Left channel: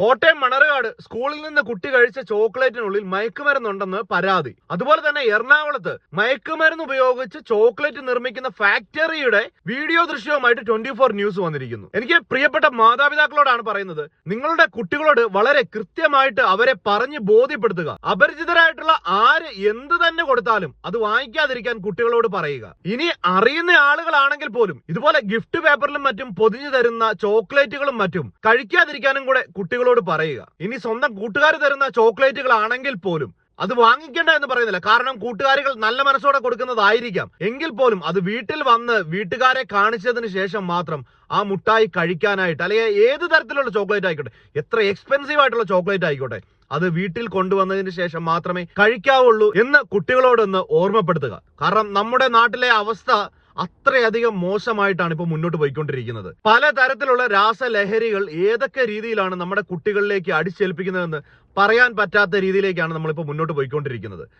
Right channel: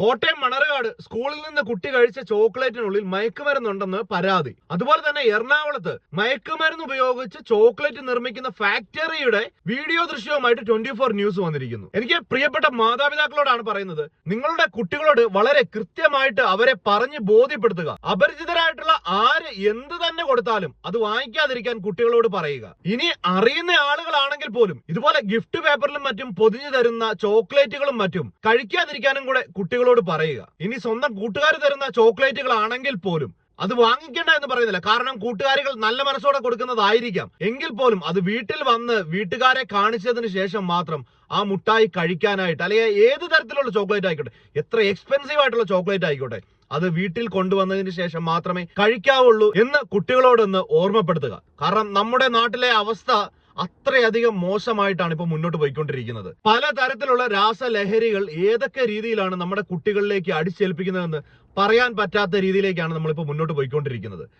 കോട്ടയം മണർകാട് സ്കൂളിൽ നിന്ന് കുട്ടി കഴിച്ച ചോക്ലേറ്റിനുള്ളിൽ മയക്കുമരുന്നുണ്ടെന്ന് പരാതി. അതുപോലെ തന്നെ എറണാകുളത്ത് മയക്കുമരുന്ന് ഉപയോഗിച്ച് ചോക്ലേറ്റ് നിർമ്മിക്കുന്ന ഫാക്ടറിയുടെ വീഡിയോ ദൃശ്യവുമായിട്ട് 24 ന്യൂസ് വന്നിരിക്കുന്നു. എനിക്ക് പ്രിയപ്പെട്ട മാതാപിതാക്കളോടാണ് പറയുന്നത്, നിങ്ങളുടെ കുട്ടികളോട് വളരെ കൃത്യമായിട്ട് അവരെ പറഞ്ഞ് ബോധ്യപ്പെടുത്തുക. അപരിചിതരായിട്ടുള്ള ആര് എന്ത് തന്നെ കൊടുത്താലും അത് വാങ്ങിക്കാതിരിക്കാൻ കുട്ടികളോട് പറയുക. ഇനി അറിയുന്ന ആളുകളാണെങ്കിൽ പോലും ഇതുപോലെ ഗിഫ്റ്റ് പേപ്പറിലും മറ്റും പൊതിഞ്ഞു തരുന്ന ചോക്ലേറ്റുകളും മറ്റും കഴിക്കാതിരിക്കാനും കൂടെ കുട്ടികളോട് പറയുക. ഇനി സ്വന്തം കൂട്ടുകാർ തരുന്ന ചോക്ലേറ്റുകൾ ആണെങ്കിൽ പോലും അത് വാങ്ങിക്കേണ്ട എന്ന് പറയുന്നില്ല. കാരണം കൂട്ടുകാരികൾ നല്ല മനസ്സോടെ കൊടുക്കുന്നതായിരിക്കാം. എങ്കിൽ പോലും അത് വീട്ടിൽ വന്ന് വീട്ടുകാരെ കാണിച്ചതിന് ശേഷം മാത്രം ആ മുട്ടായി കഴിക്കാനായിട്ട്, അല്ലെങ്കിൽ ഏത് തരത്തിലുള്ള ചോക്ലേറ്റ് ആയിക്കോട്ടെ, എത്ര എക്സ്പെൻസീവ് ആയിട്ടുള്ള ചോക്ലേറ്റ് ആയിക്കോട്ടെ, അത് വീട്ടിൽ കൊണ്ടുവന്നതിന് ശേഷം മാത്രമേ കഴിക്കാവുള്ളൂ എന്ന് കുട്ടികളോടൊന്ന് ഓർമ്മപ്പെടുത്തുക. കാരണം നമ്മുടെ നാട്ടിലെ അവസ്ഥ അത്രയധികം മോശമായിട്ടാണ് ഇപ്പൊ മുന്നോട്ട് പോയിക്കൊണ്ടിരിക്കുന്നത്. പലതരത്തിലുള്ള രാസലഹരികൾ ഏതൊക്കെ രീതിയിലാണ് നമ്മുടെ കുട്ടികളിലേക്ക് അടിച്ചേൽപ്പിക്കുന്നതെന്ന് പറയാൻ പറ്റാത്ത രീതിയിലേക്കാണ് നമ്മളിപ്പോ മുന്നോട്ട് പോയിക്കൊണ്ടിരിക്കുന്നത്.